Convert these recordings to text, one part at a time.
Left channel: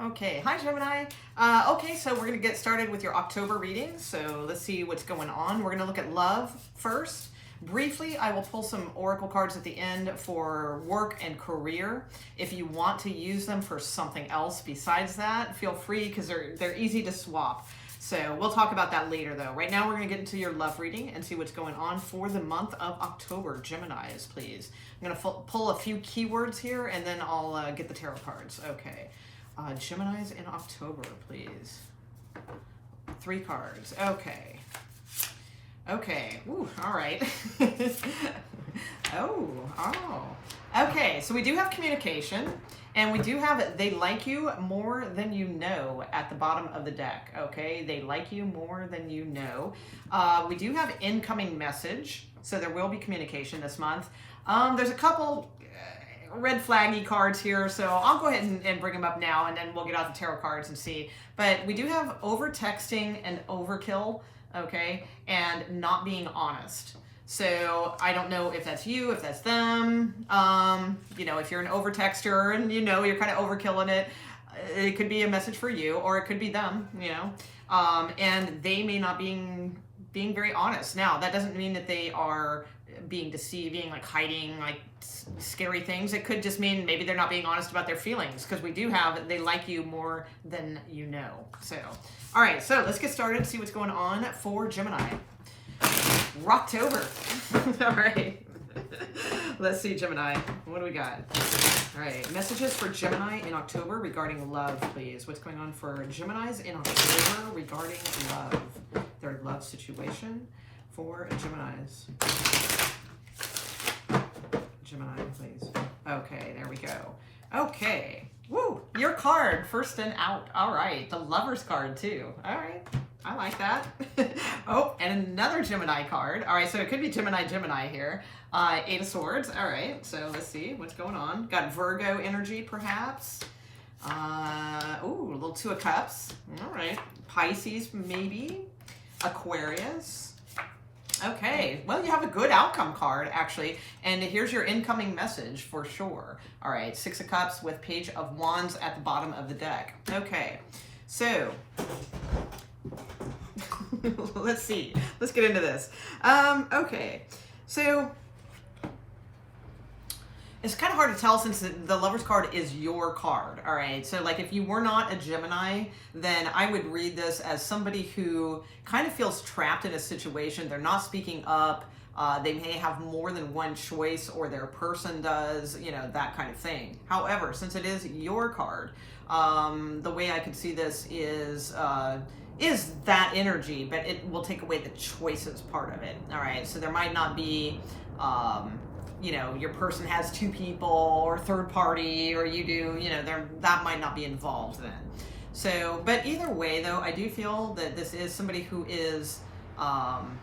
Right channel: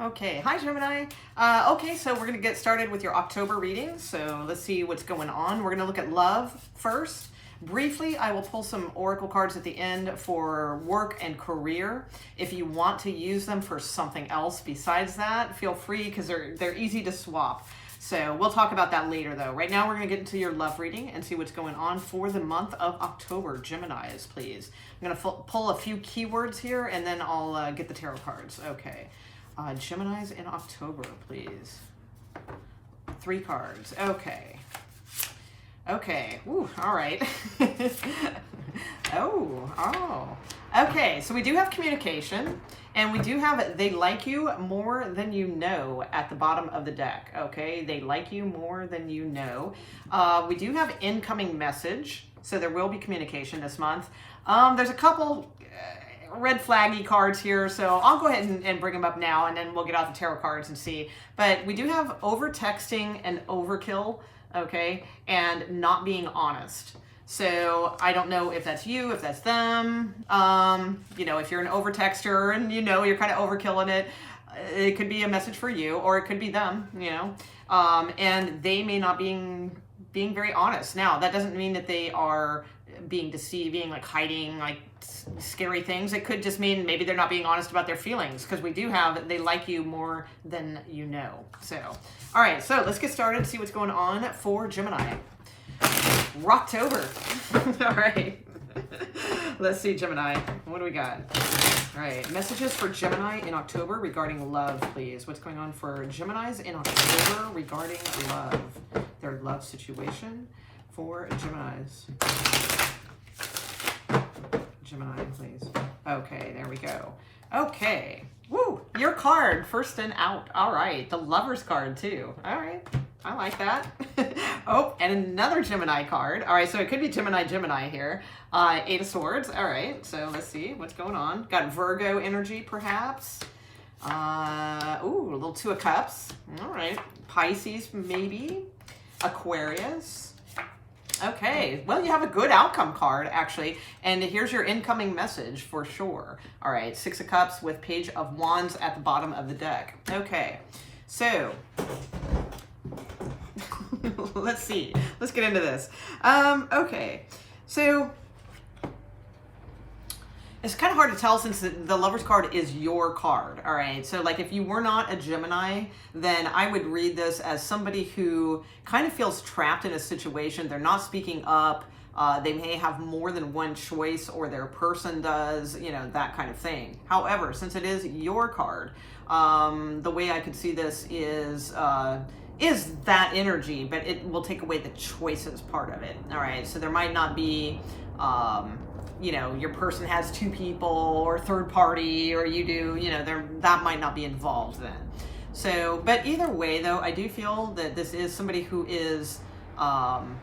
Okay, hi Gemini. Okay, so we're going to get started with your October reading. So let's see what's going on. We're going to look at love first. Briefly, I will pull some oracle cards at the end for work and career. If you want to use them for something else besides that, feel free because they're easy to swap. So we'll talk about that later though. Right now we're going to get into your love reading and see what's going on for the month of October. Geminis, please. I'm going to pull a few keywords here and then I'll get the tarot cards. Okay. Geminis in October, please. 3 cards. Okay. Okay. Ooh, all right. Oh. Okay, so we do have communication, and we do have they like you more than you know at the bottom of the deck. Okay, they like you more than you know. We do have incoming message, so there will be communication this month. There's a couple red flaggy cards here, so I'll go ahead and bring them up now, and then we'll get out the tarot cards and see. But we do have over texting and overkill, okay, and not being honest. So I don't know if that's you, if that's them. You know, if you're an over texter and you know you're kind of overkilling it, it could be a message for you, or it could be them, you know, and they may not being very honest. Now that doesn't mean that they are being deceiving, like hiding like scary things. It could just mean maybe they're not being honest about their feelings, because we do have they like you more than you know. So all right, so let's get started, see what's going on for Gemini. Rocktober. All right. Let's see, Gemini. What do we got? All right, messages for Gemini in October regarding love, please. What's going on for Geminis in October regarding love? Their love situation for Geminis. Gemini, please. Okay, there we go. Okay. Woo! Your card, first and out. All right. The Lover's card, too. All right. I like that. Oh, and another Gemini card. All right, so it could be Gemini here. 8 of Swords. All right, so let's see what's going on. Got Virgo energy, perhaps. Ooh, a little 2 of Cups. All right. Pisces, maybe. Aquarius. Okay, well, you have a good outcome card, actually, and here's your incoming message for sure. All right, 6 of Cups with Page of Wands at the bottom of the deck. Okay, so let's see. Let's get into this. Okay, so it's kind of hard to tell since the Lover's card is your card. All right, so like if you were not a Gemini, then I would read this as somebody who kind of feels trapped in a situation. They're not speaking up. They may have more than one choice, or their person does, you know, that kind of thing. However, since it is your card, the way I could see this is that energy, but it will take away the choices part of it. All right, so there might not be you know, your person has 2 people or third party, or you do, you know, that might not be involved then. So, but either way though, I do feel that this is somebody who is kind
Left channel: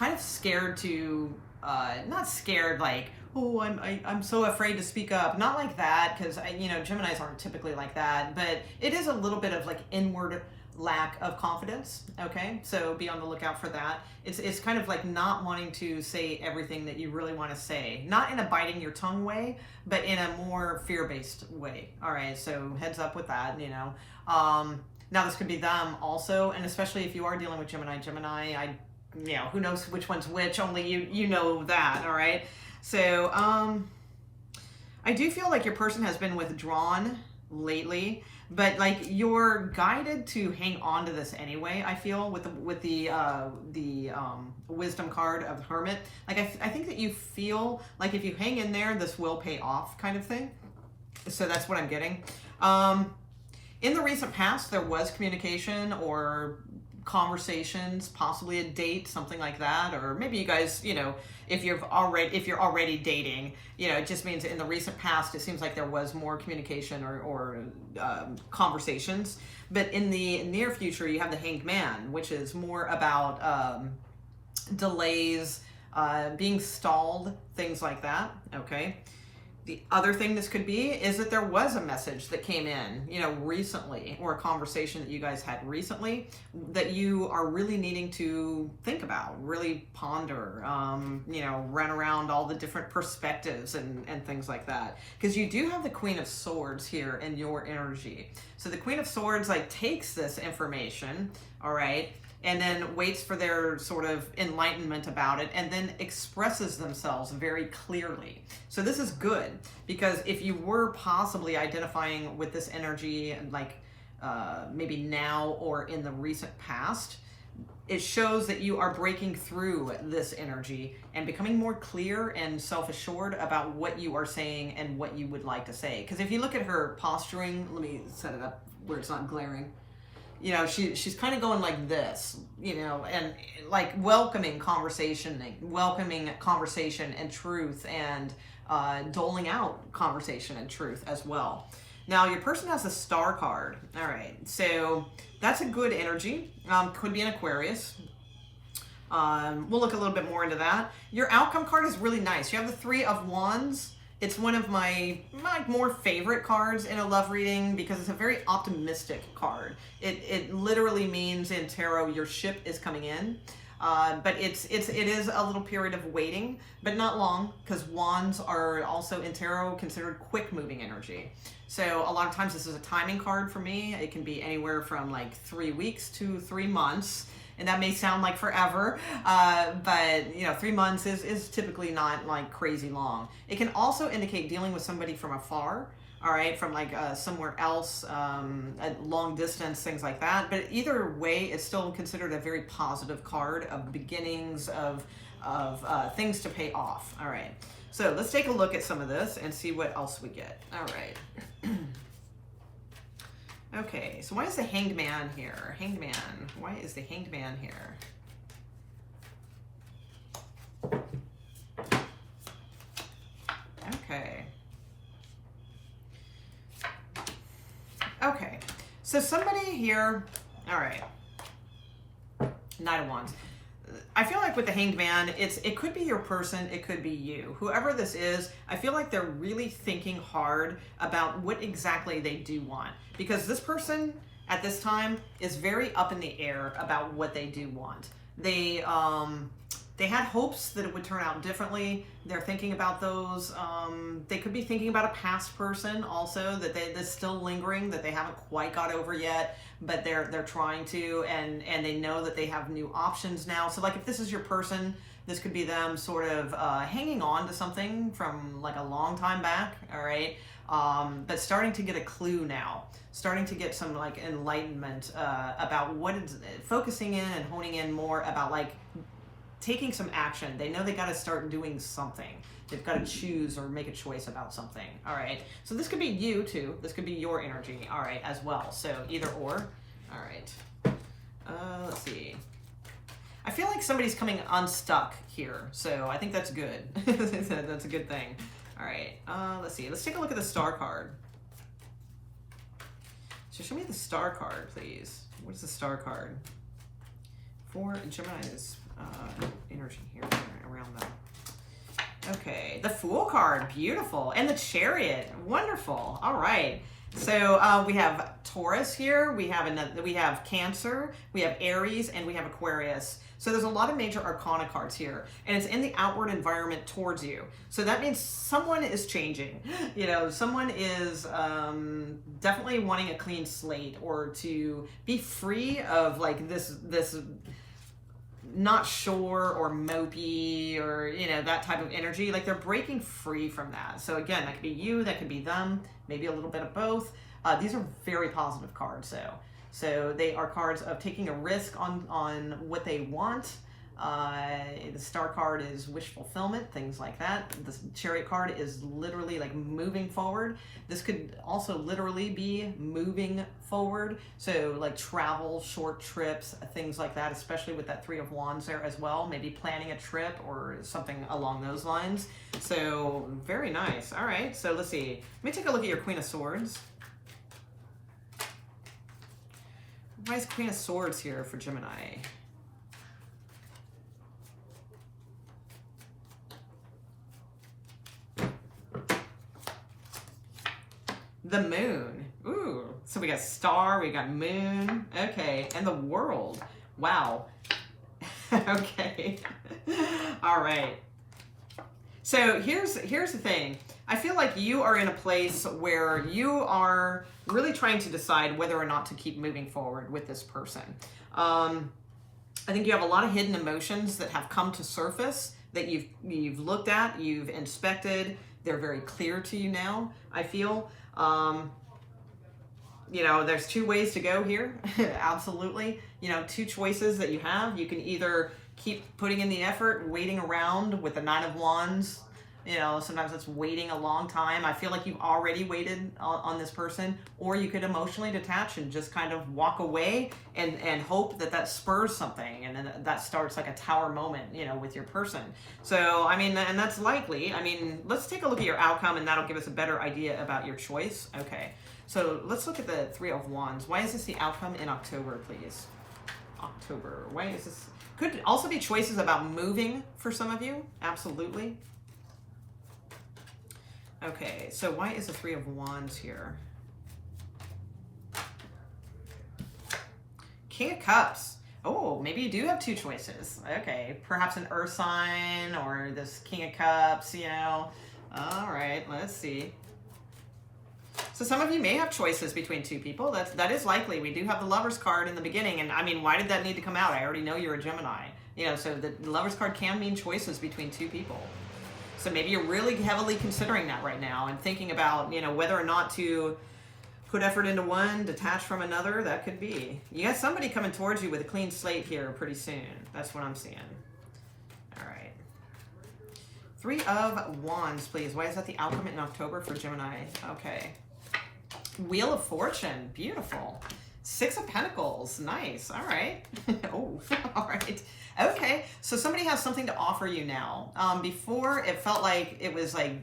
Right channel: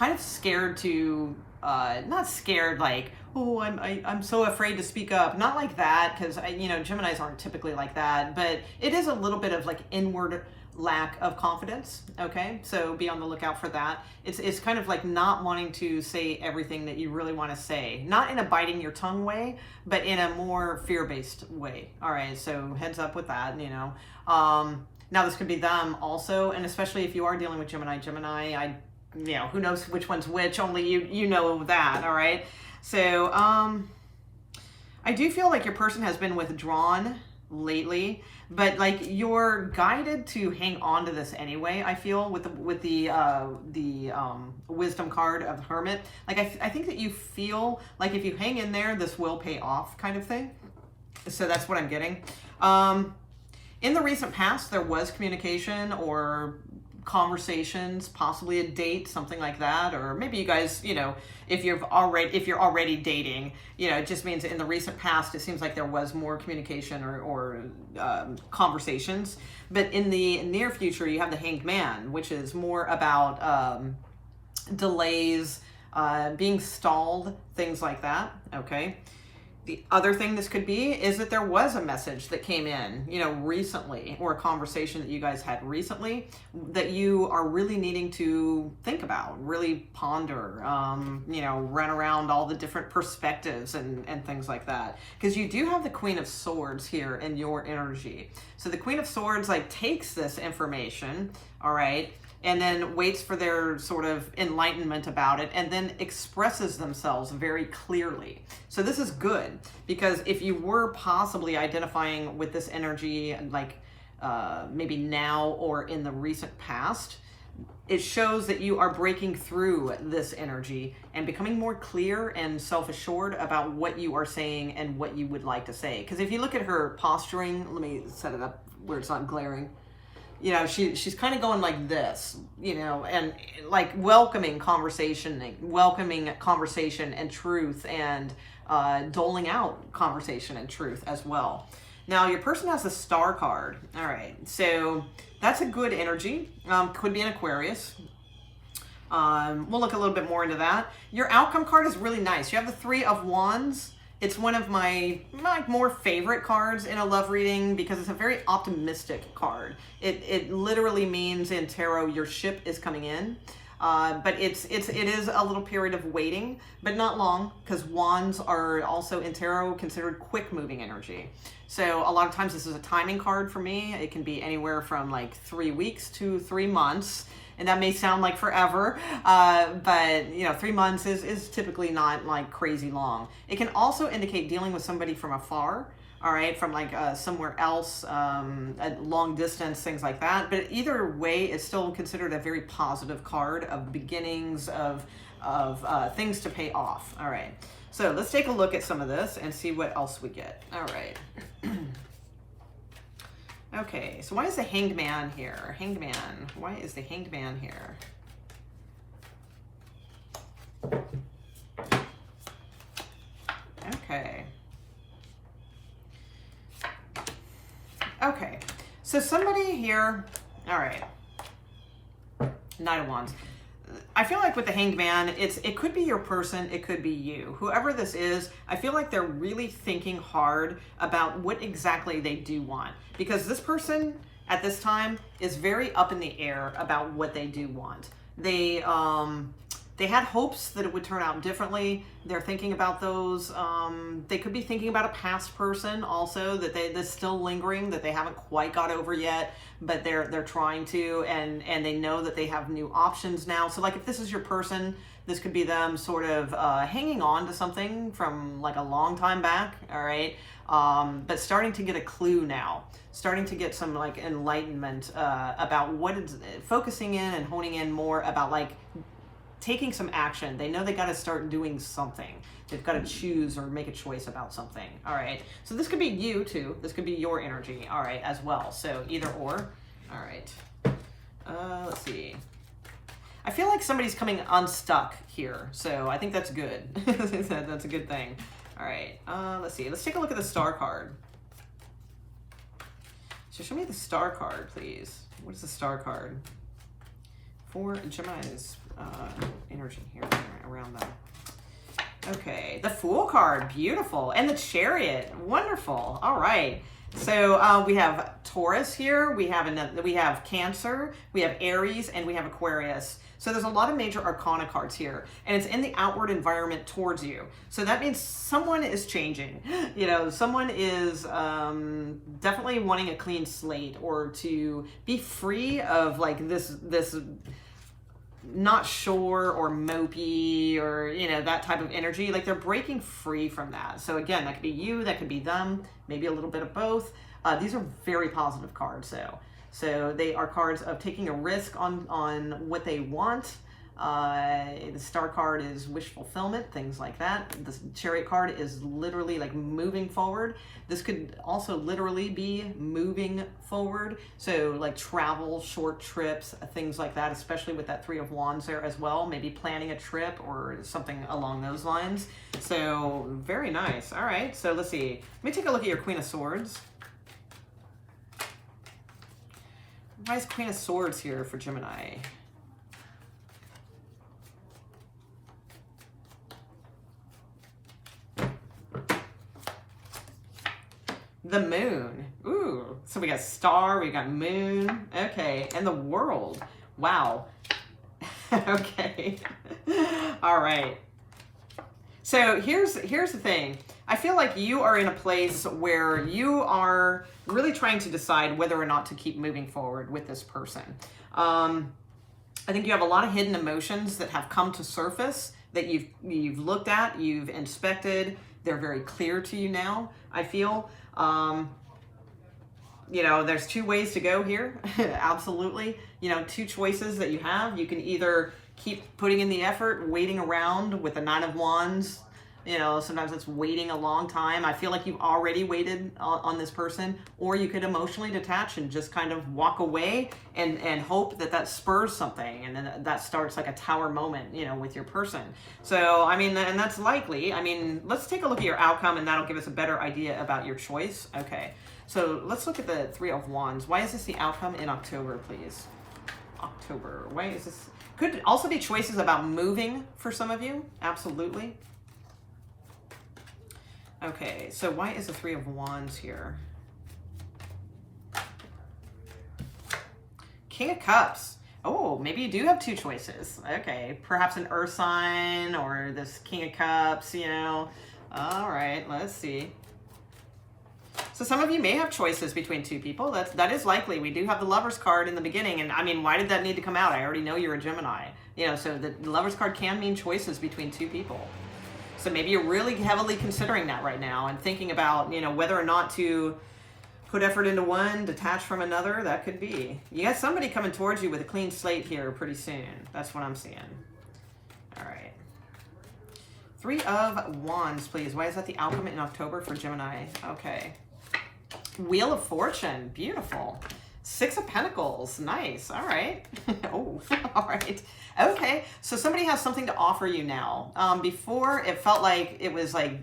of scared to, not scared like, oh, I'm so afraid to speak up. Not like that, because you know, Geminis aren't typically like that, but it is a little bit of like inward lack of confidence. Okay, so be on the lookout for that. It's kind of like not wanting to say everything that you really want to say, not in a biting your tongue way, but in a more fear-based way. All right, so heads up with that, you know. Now this could be them also, and especially if you are dealing with Gemini, you know, who knows which one's which, only you know that. All right, so I do feel like your person has been withdrawn lately, but like you're guided to hang on to this anyway. I feel with the wisdom card of Hermit, like I think that you feel like if you hang in there, this will pay off, kind of thing. So that's what I'm getting. In the recent past, there was communication or conversations, possibly a date, something like that, or maybe you guys, you know, if you're already dating, you know, it just means in the recent past it seems like there was more communication or conversations. But in the near future, you have the Hanged Man, which is more about delays, being stalled, things like that. Okay, The other thing this could be is that there was a message that came in, you know, recently, or a conversation that you guys had recently that you are really needing to think about, really ponder, you know, run around all the different perspectives and things like that. Because you do have the Queen of Swords here in your energy. So the Queen of Swords like takes this information, all right, and then waits for their sort of enlightenment about it, and then expresses themselves very clearly. So this is good, because if you were possibly identifying with this energy, like maybe now or in the recent past, it shows that you are breaking through this energy and becoming more clear and self-assured about what you are saying and what you would like to say. Because if you look at her posturing, let me set it up where it's not glaring. You know, she's kind of going like this, you know, and like welcoming conversation and truth, and doling out conversation and truth as well. Now, your person has a Star card. All right, so that's a good energy. Could be an Aquarius. We'll look a little bit more into that. Your outcome card is really nice. You have the Three of Wands. It's one of my more favorite cards in a love reading because it's a very optimistic card. It literally means in tarot your ship is coming in, but it is a little period of waiting, but not long, because wands are also in tarot considered quick moving energy. So a lot of times this is a timing card for me. It can be anywhere from like 3 weeks to 3 months. And that may sound like forever, but you know, 3 months is typically not like crazy long. It can also indicate dealing with somebody from afar, all right, from like somewhere else, a long distance, things like that. But either way, it's still considered a very positive card of beginnings of things to pay off. All right, so let's take a look at some of this and see what else we get. All right. Okay, so why is the Hanged Man here? Hanged Man. Why is the Hanged Man here? Okay. Okay, so somebody here, all right, Knight of Wands. I feel like with the Hanged Man, it could be your person, it could be you. Whoever this is, I feel like they're really thinking hard about what exactly they do want. Because this person at this time is very up in the air about what they do want. They had hopes that it would turn out differently. They're thinking about those. They could be thinking about a past person also that's still lingering, that they haven't quite got over yet, but they're trying to, and they know that they have new options now. So like if this is your person, this could be them sort of hanging on to something from like a long time back, all right? But starting to get a clue now. Starting to get some like enlightenment about what it's focusing in and honing in more about, like taking some action. They know they got to start doing something. They've got to choose or make a choice about something. All right. So this could be you too. This could be your energy. All right, as well. So either or. All right. Let's see. I feel like somebody's coming unstuck here. So I think that's good. That's a good thing. All right. Let's see. Let's take a look at the Star card. So show me the Star card, please. What is the Star card? For Gemini's energy here around them. Okay, the Fool card, beautiful. And the Chariot, wonderful. All right. So we have Taurus here, we have Cancer, we have Aries, and we have Aquarius. So there's a lot of major arcana cards here, and it's in the outward environment towards you. So that means someone is changing. You know, someone is definitely wanting a clean slate, or to be free of like this not sure or mopey, or you know, that type of energy. Like they're breaking free from that. So again, that could be you, that could be them, maybe a little bit of both. These are very positive cards though. So they are cards of taking a risk on what they want. The Star card is wish fulfillment, things like that. The Chariot card is literally like moving forward. This could also literally be moving forward. So like travel, short trips, things like that, especially with that Three of Wands there as well. Maybe planning a trip or something along those lines. So very nice. All right, so let's see. Let me take a look at your Queen of Swords. Why is Queen of Swords here for Gemini? The moon. Ooh, so we got star, we got moon. Okay, and the world. Wow. Okay. All right. So here's the thing. I feel like you are in a place where you are really trying to decide whether or not to keep moving forward with this person. I think you have a lot of hidden emotions that have come to surface that you've looked at, you've inspected. They're very clear to you now, I feel. You know, there's two ways to go here. Absolutely. You know, two choices that you have. You can either keep putting in the effort, waiting around with the Nine of Wands. You know, sometimes it's waiting a long time. I feel like you've already waited on this person, or you could emotionally detach and just kind of walk away and hope that that spurs something, and then that starts like a tower moment, you know, with your person. So, I mean, and that's likely. I mean, let's take a look at your outcome, and that'll give us a better idea about your choice. Okay, so let's look at the Three of Wands. Why is this the outcome in October, please? October. Why is this? Could also be choices about moving for some of you. Absolutely. Okay, so why is the Three of Wands here? King of Cups. Oh, maybe you do have two choices. Okay, perhaps an earth sign or this King of Cups, you know. All right, let's see. So some of you may have choices between two people. That is likely. We do have the Lovers card in the beginning, and I mean, why did that need to come out? I already know you're a Gemini. You know, so the Lovers card can mean choices between two people. So maybe you're really heavily considering that right now and thinking about, you know, whether or not to put effort into one, detach from another. That could be. You got somebody coming towards you with a clean slate here pretty soon. That's what I'm seeing. All right. Three of Wands, please. Why is that the outcome in October for Gemini? Okay. Wheel of Fortune. Beautiful. Six of Pentacles. Nice. All right. Oh, all right. Okay, so somebody has something to offer you now. Before, it felt like it was like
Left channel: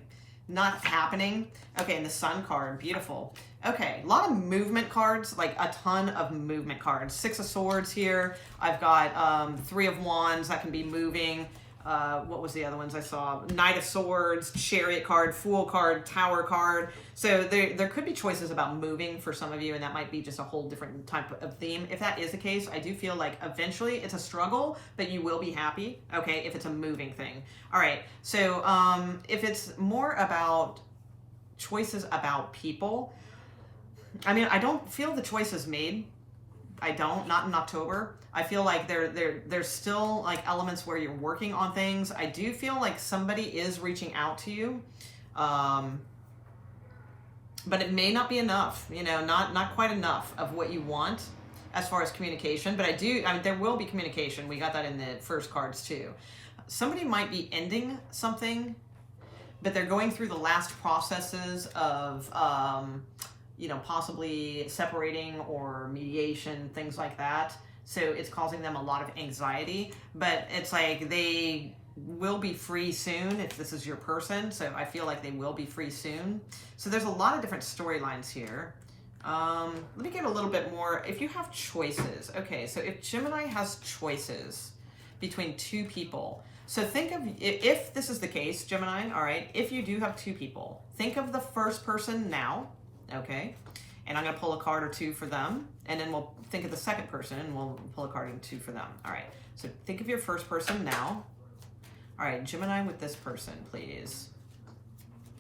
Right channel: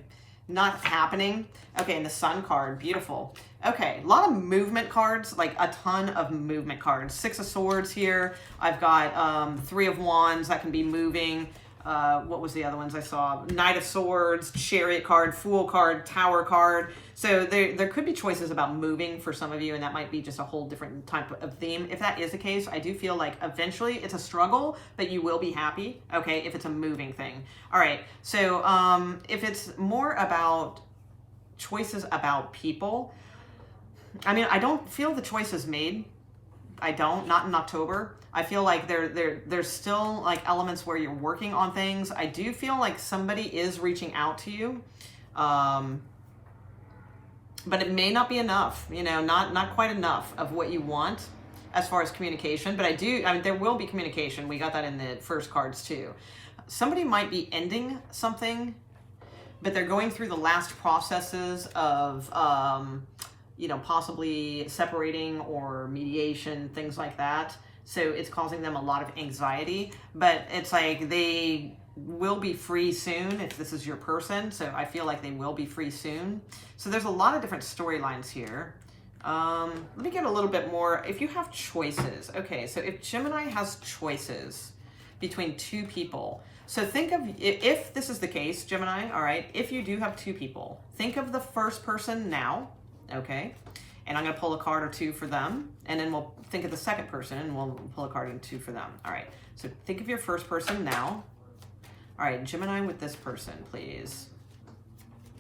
not happening. Okay, and the Sun card, beautiful. Okay, a lot of movement cards, like a ton of movement cards. Six of Swords here. I've got Three of Wands that can be moving. What was the other ones I saw? Knight of Swords, Chariot card, Fool card, Tower card. So there could be choices about moving for some of you, and that might be just a whole different type of theme. If that is the case, I do feel like eventually it's a struggle, but you will be happy, okay, if it's a moving thing. All right, so if it's more about choices about people, I mean, I don't feel the choice is made. I don't, not in October. I feel like there's still like elements where you're working on things. I do feel like somebody is reaching out to you, but it may not be enough, you know, not quite enough of what you want as far as communication. But I mean, there will be communication. We got that in the first cards too. Somebody might be ending something, but they're going through the last processes of, you know, possibly separating or mediation, things like that. So it's causing them a lot of anxiety, but it's like they will be free soon if this is your person. So I feel like they will be free soon. So there's a lot of different storylines here. Let me get a little bit more. If you have choices, okay, so if Gemini has choices between two people, so think of, if this is the case, Gemini, all right, if you do have two people, think of the first person now, okay? And I'm going to pull a card or two for them, and then we'll think of the second person, and we'll pull a card or two for them. All right, so think of your first person now. All right, Gemini with this person, please.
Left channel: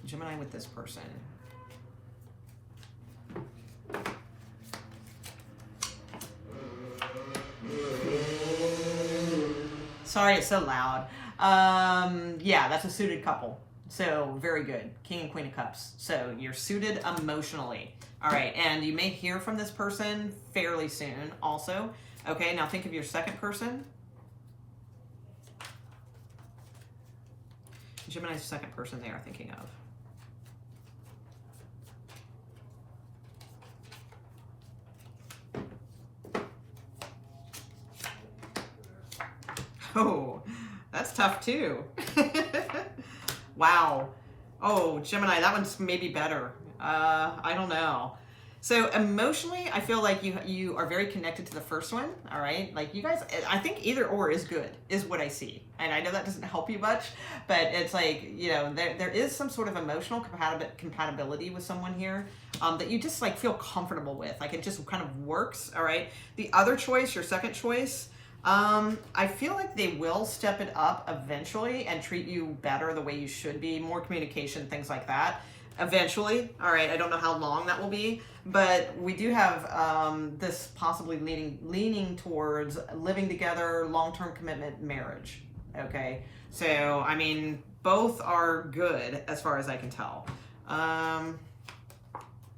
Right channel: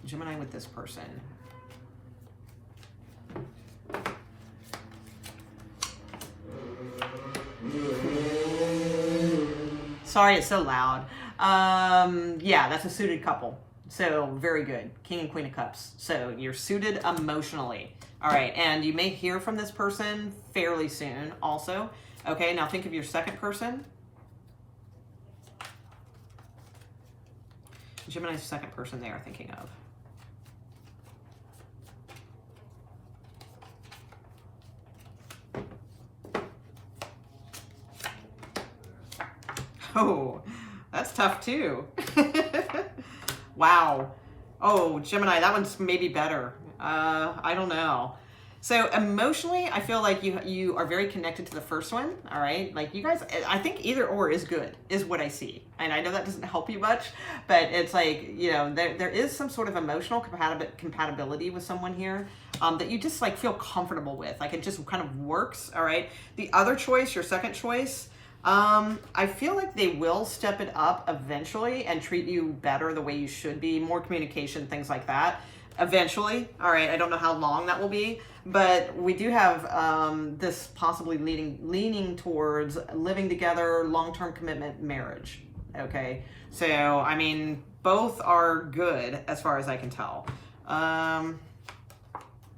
Gemini with this person. Sorry, it's so loud. Yeah, that's a suited couple. So very good. King and Queen of Cups. So you're suited emotionally. All right, and you may hear from this person fairly soon also. Okay, now think of your second person. Gemini's second person they are thinking of. Oh, that's tough too. Wow. Oh, Gemini, that one's maybe better. I don't know. So emotionally, I feel like you are very connected to the first one, all right? Like you guys, I think either or is good, is what I see. And I know that doesn't help you much, but it's like, you know, there is some sort of emotional compatibility with someone here that you just like feel comfortable with. Like it just kind of works, all right? The other choice, your second choice, I feel like they will step it up eventually and treat you better the way you should be, more communication, things like that. Eventually, all right, I don't know how long that will be, but we do have this possibly leaning towards living together, long-term commitment, marriage, okay? So, I mean, both are good as far as I can tell.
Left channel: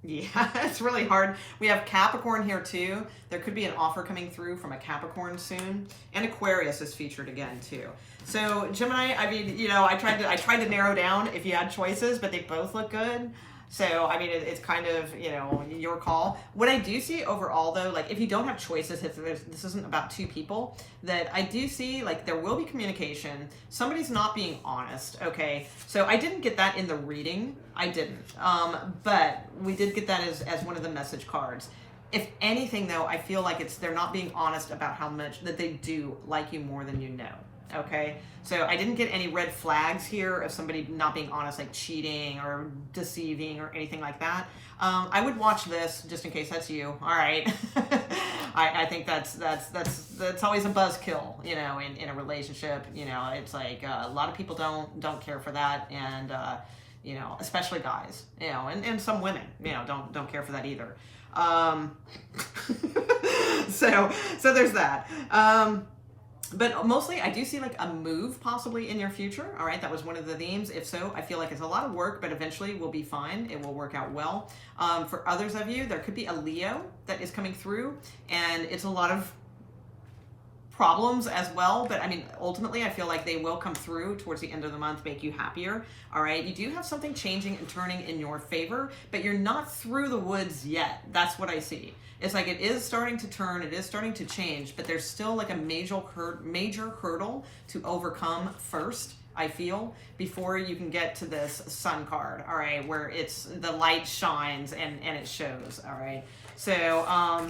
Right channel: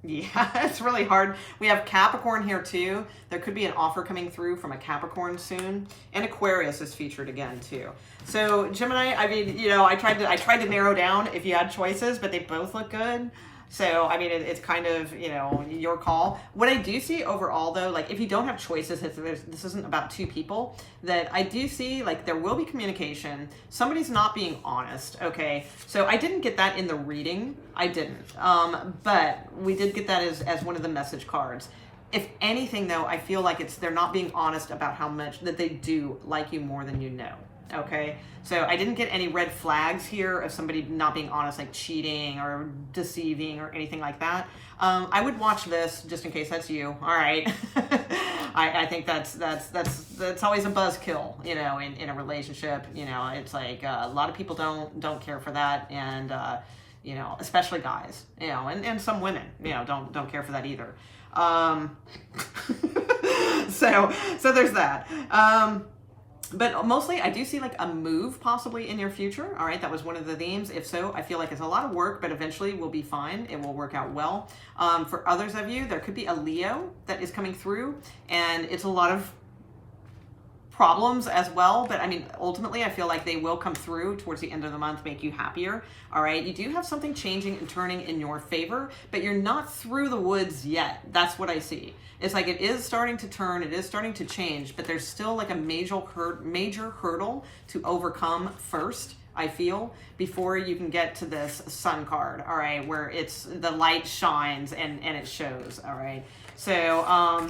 Yeah, it's really hard. We have Capricorn here too. There could be an offer coming through from a Capricorn soon, and Aquarius is featured again too. So Gemini, I mean, you know, I tried to narrow down if you had choices, but they both look good. So, I mean, it's kind of, you know, your call. What I do see overall, though, like if you don't have choices, if this isn't about two people, that I do see, like, there will be communication. Somebody's not being honest, okay? So I didn't get that in the reading. I didn't. But we did get that as one of the message cards. If anything, though, I feel like they're not being honest about how much that they do like you more than you know. Okay, so I didn't get any red flags here of somebody not being honest, like cheating or deceiving or anything like that. I would watch this just in case that's you. All right, I think that's always a buzzkill, you know, in a relationship. You know, it's like a lot of people don't care for that, and you know, especially guys, you know, and some women, you know, don't care for that either. So there's that. But mostly I do see like a move possibly in your future. All right, that was one of the themes. If so, I feel like it's a lot of work, but eventually we'll be fine. It will work out well. For others of you, there could be a Leo that is coming through, and it's a lot of problems as well. But I mean, ultimately, I feel like they will come through towards the end of the month, make you happier. All right, you do have something changing and turning in your favor, but you're not through the woods yet. That's what I see. It's like it is starting to turn, it is starting to change, but there's still like a major hurdle to overcome first, I feel, before you can get to this sun card, all right, where it's the light shines and it shows, all right? So,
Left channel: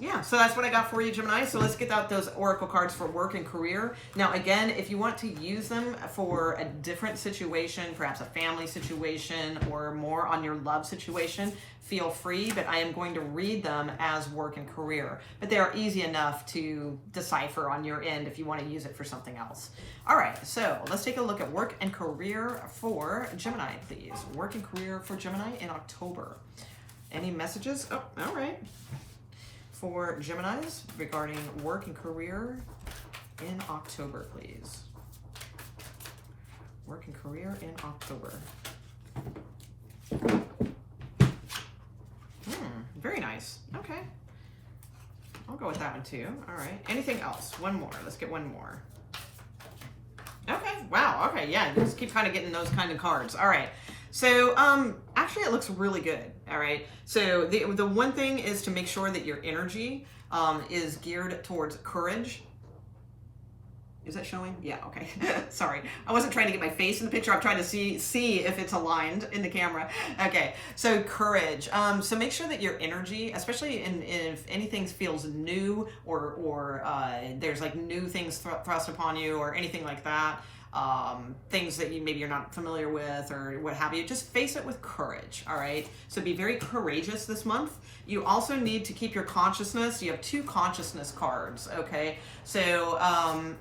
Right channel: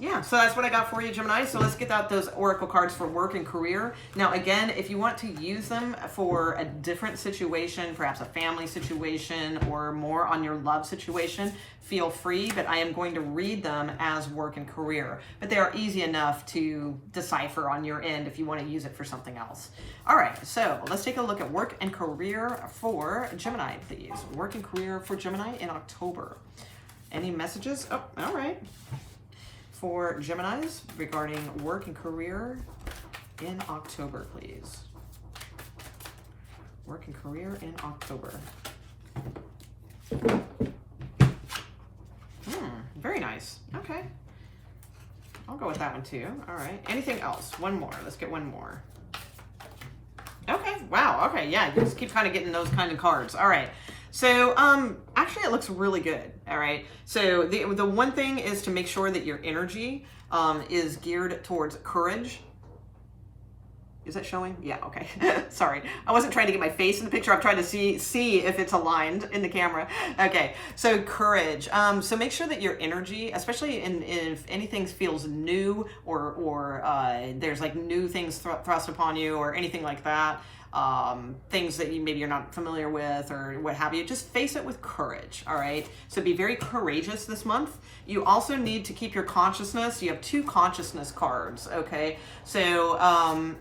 yeah, so that's what I got for you, Gemini. So let's get out those oracle cards for work and career. Now, again, if you want to use them for a different situation, perhaps a family situation or more on your love situation, feel free, but I am going to read them as work and career. But they are easy enough to decipher on your end if you want to use it for something else. All right, so let's take a look at work and career for Gemini, please. Work and career for Gemini in October. Any messages? Oh, all right. For Geminis regarding work and career in October, please. Work and career in October. Very nice. Okay. I'll go with that one too. All right. Anything else? One more. Let's get one more. Okay. Wow. Okay. Yeah. You just keep kind of getting those kind of cards. All right. So, actually it looks really good. All right. So the one thing is to make sure that your energy, is geared towards courage. Is that showing? Yeah, okay. Sorry. I wasn't trying to get my face in the picture. I'm trying to see if it's aligned in the camera. Okay, so courage. So make sure that your energy, especially if anything feels new or there's like new things thrust upon you or anything like that, things that maybe you're not familiar with or what have you, just face it with courage, all right? So be very courageous this month. You also need to keep your consciousness. You have two consciousness cards, okay? So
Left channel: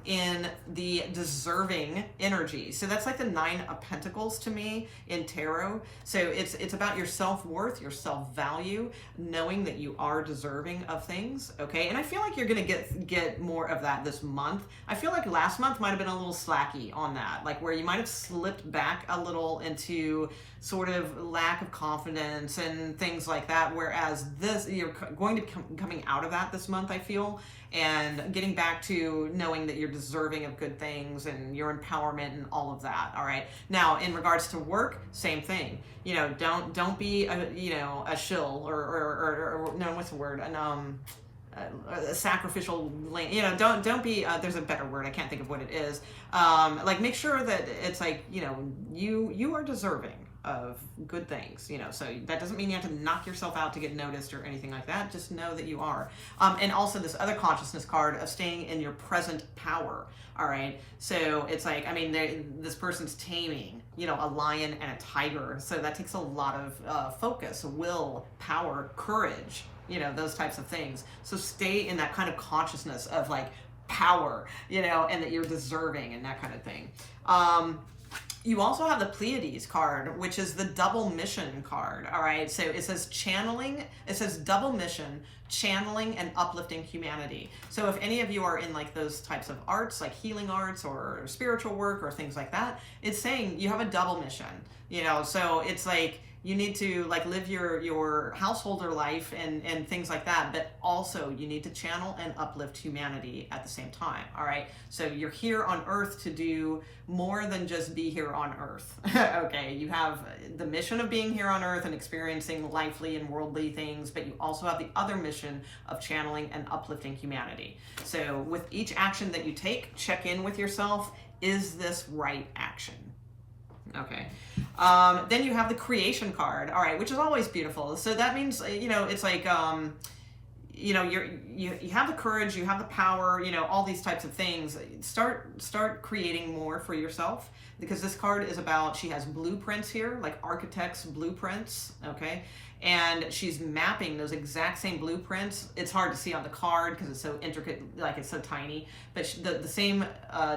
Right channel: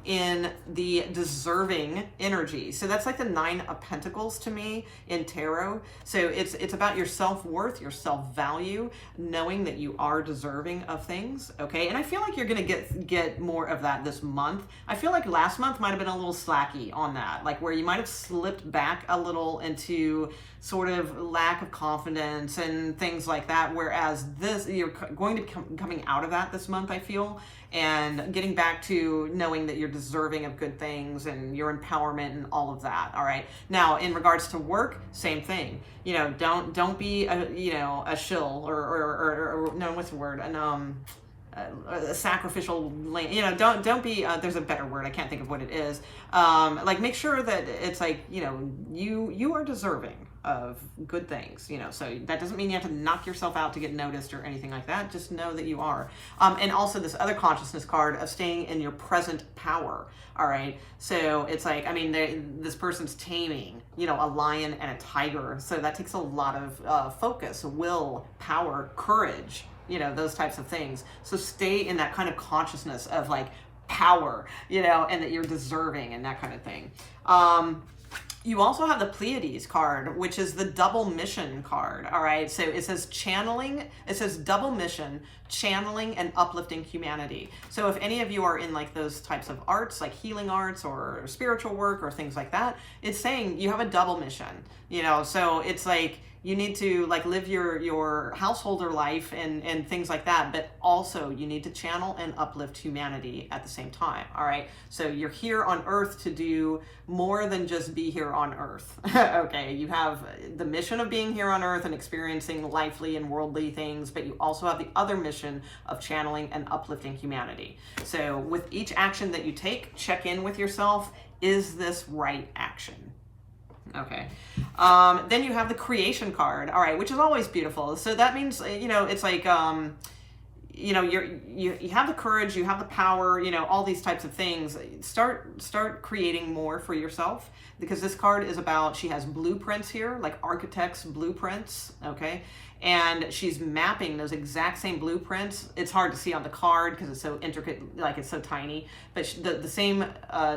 in the deserving energy. So that's like the 9 of Pentacles to me in tarot. So it's about your self-worth, your self-value, knowing that you are deserving of things, okay? And I feel like you're gonna get more of that this month. I feel like last month might have been a little slacky on that, like where you might have slipped back a little into sort of lack of confidence and things like that, whereas this, you're going to be coming out of that this month, I feel, and getting back to knowing that you're deserving of good things and your empowerment and all of that, all right? Now, in regards to work, same thing. You know, don't be a shill or no, what's the word? A sacrificial, you know, don't be, there's a better word, I can't think of what it is. Like make sure that it's like, you know, you are deserving of good things, you know, so that doesn't mean you have to knock yourself out to get noticed or anything like that. Just know that you are. And also this other consciousness card of staying in your present power. All right. So it's like, I mean, this person's taming, you know, a lion and a tiger. So that takes a lot of focus, will, power, courage, you know, those types of things. So stay in that kind of consciousness of like power, you know, and that you're deserving and that kind of thing. You also have the Pleiades card, which is the double mission card. All right. So it says channeling, it says double mission, channeling and uplifting humanity. So if any of you are in like those types of arts, like healing arts or spiritual work or things like that, it's saying you have a double mission, you know, so it's like, you need to like live your householder life and things like that, but also you need to channel and uplift humanity at the same time. All right. So you're here on earth to do more than just be here on earth. Okay. You have the mission of being here on earth and experiencing lifely and worldly things, but you also have the other mission of channeling and uplifting humanity. So with each action that you take, check in with yourself. Is this right action? Okay. Then you have the creation card. All right, which is always beautiful. So that means, you know, it's like, you know, you have the courage, you have the power, you know, all these types of things. Start creating more for yourself, because this card is about, she has blueprints here, like architects' blueprints. Okay. And she's mapping those exact same blueprints. It's hard to see on the card because it's so intricate, like it's so tiny, but the same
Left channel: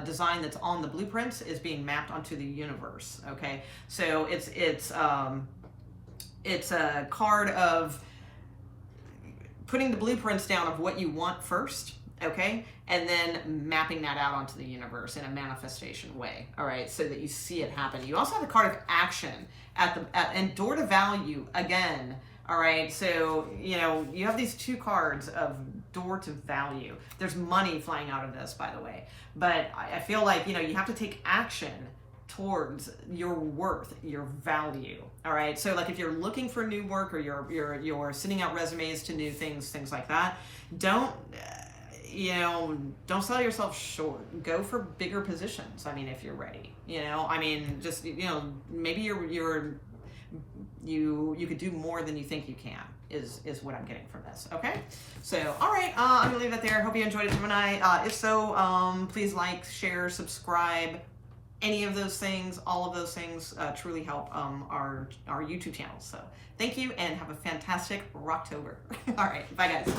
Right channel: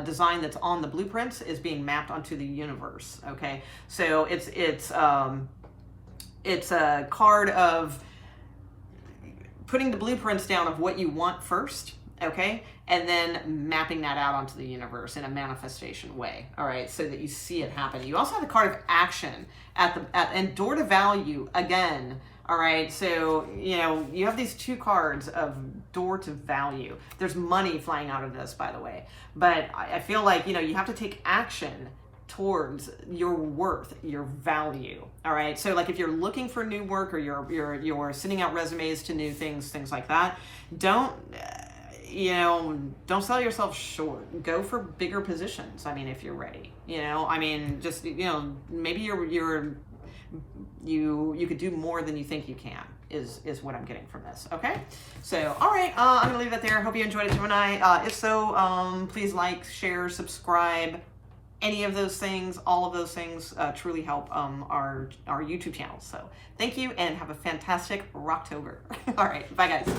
design that's on the blueprints is being mapped onto the universe. Okay. So it's a card of putting the blueprints down of what you want first. Okay. And then mapping that out onto the universe in a manifestation way. All right. So that you see it happen. You also have the card of action and door to value again. All right. So, you know, you have these two cards of door to value. There's money flying out of this, by the way, but I feel like, you know, you have to take action towards your worth, your value. All right. So like if you're looking for new work or you're sending out resumes to new things like that, don't sell yourself short. Go for bigger positions. I mean, if you're ready, you know, I mean, just, you know, maybe you could do more than you think you can is what I'm getting from this. Okay. So, all right. I'm going to leave that there. Hope you enjoyed it, Gemini. If so, please like, share, subscribe, any of those things, all of those things truly help our YouTube channel. So thank you and have a fantastic Rocktober. All right. Bye guys.